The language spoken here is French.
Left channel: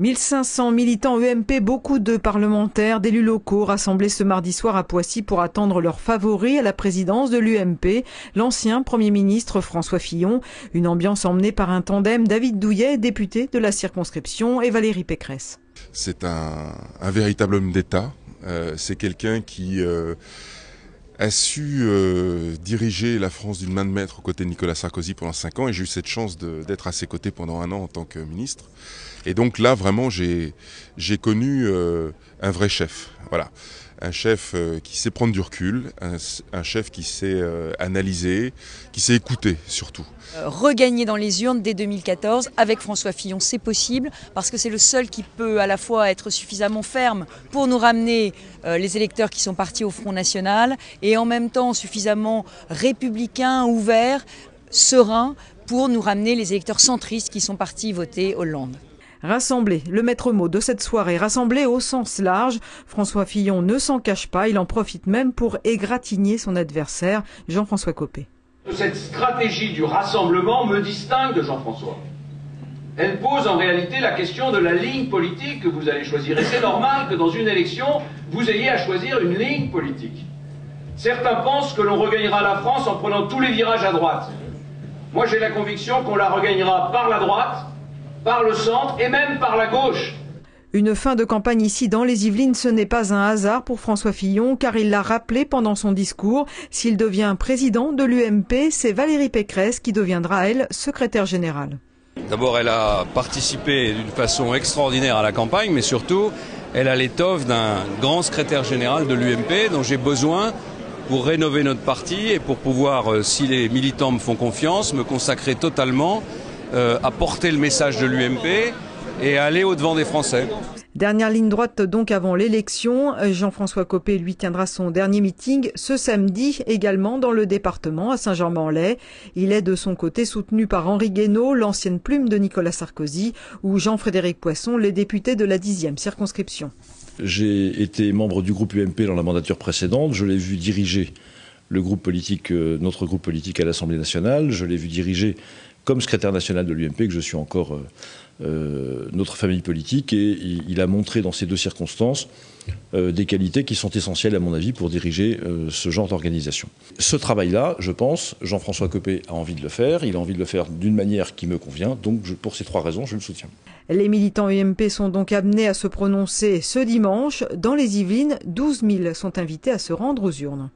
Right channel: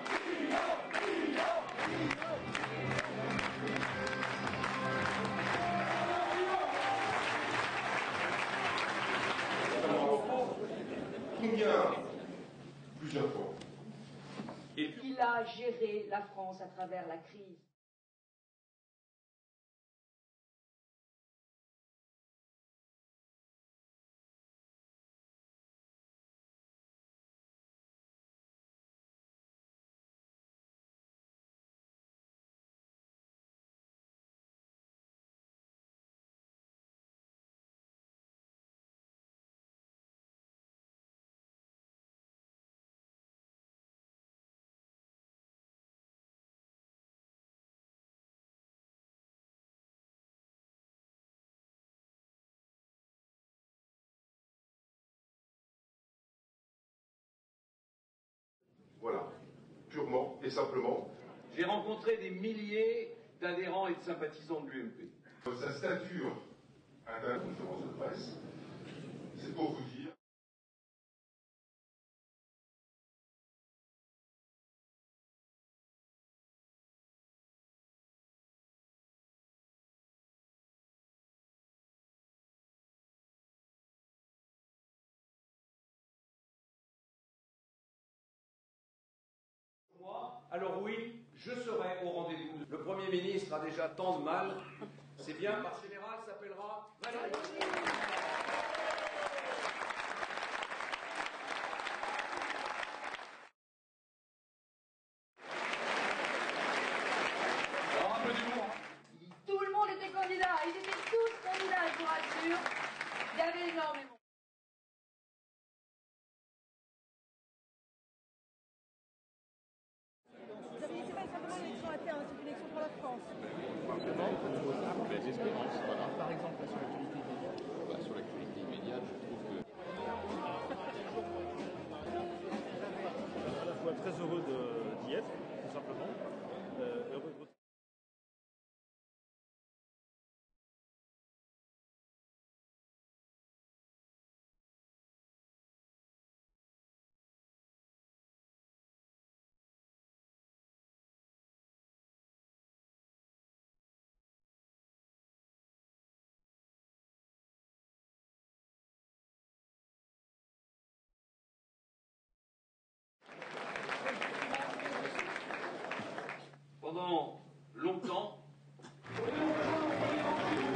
1500 militants UMP, beaucoup de parlementaires, d'élus locaux rassemblés ce mardi soir à Poissy pour attendre leur favori à la présidence de l'UMP, l'ancien Premier ministre François Fillon. Une ambiance emmenée par un tandem, David Douillet, député de la circonscription, et Valérie Pécresse. C'est un véritable homme d'État. C'est quelqu'un qui a su diriger la France d'une main de maître aux côtés de Nicolas Sarkozy pendant 5 ans, et j'ai eu cette chance d'être à ses côtés pendant 1 an en tant que ministre. Et donc là, vraiment, j'ai connu un vrai chef. Voilà. Un chef qui sait prendre du recul, un chef qui sait analyser, qui sait écouter surtout. Regagner dans les urnes dès 2014 avec François Fillon, c'est possible parce que c'est le seul qui peut à la fois être suffisamment ferme pour nous ramener les électeurs qui sont partis au Front National et en même temps suffisamment républicain, ouvert, serein pour nous ramener les électeurs centristes qui sont partis voter Hollande. Rassembler, le maître mot de cette soirée, rassembler au sens large. François Fillon ne s'en cache pas, il en profite même pour égratigner son adversaire, Jean-François Copé. Cette stratégie du rassemblement me distingue de Jean-François. Elle pose en réalité la question de la ligne politique que vous allez choisir. Et c'est normal que dans une élection, vous ayez à choisir une ligne politique. Certains pensent que l'on regagnera la France en prenant tous les virages à droite. Moi, j'ai la conviction qu'on la regagnera par la droite, par le centre et même par la gauche. Une fin de campagne ici dans les Yvelines, ce n'est pas un hasard pour François Fillon, car il l'a rappelé pendant son discours. S'il devient président de l'UMP, c'est Valérie Pécresse qui deviendra, elle, secrétaire générale. D'abord, elle a participé d'une façon extraordinaire à la campagne, mais surtout, elle a l'étoffe d'un grand secrétaire général de l'UMP dont j'ai besoin pour rénover notre parti et pour pouvoir, si les militants me font confiance, me consacrer totalement à porter le message de l'UMP et à aller au-devant des Français. Dernière ligne droite donc avant l'élection. Jean-François Copé lui tiendra son dernier meeting ce samedi également dans le département à Saint-Germain-en-Laye. Il est de son côté soutenu par Henri Guénaud, l'ancienne plume de Nicolas Sarkozy, ou Jean-Frédéric Poisson, les députés de la 10e circonscription. J'ai été membre du groupe UMP dans la mandature précédente. Je l'ai vu diriger le groupe politique, notre groupe politique à l'Assemblée nationale. Je l'ai vu diriger comme secrétaire national de l'UMP, que je suis encore notre famille politique, et il a montré dans ces 2 circonstances des qualités qui sont essentielles à mon avis pour diriger ce genre d'organisation. Ce travail-là, je pense, Jean-François Copé a envie de le faire, il a envie de le faire d'une manière qui me convient, donc pour ces 3 raisons, je le soutiens. Les militants UMP sont donc amenés à se prononcer ce dimanche. Dans les Yvelines, 12 000 sont invités à se rendre aux urnes.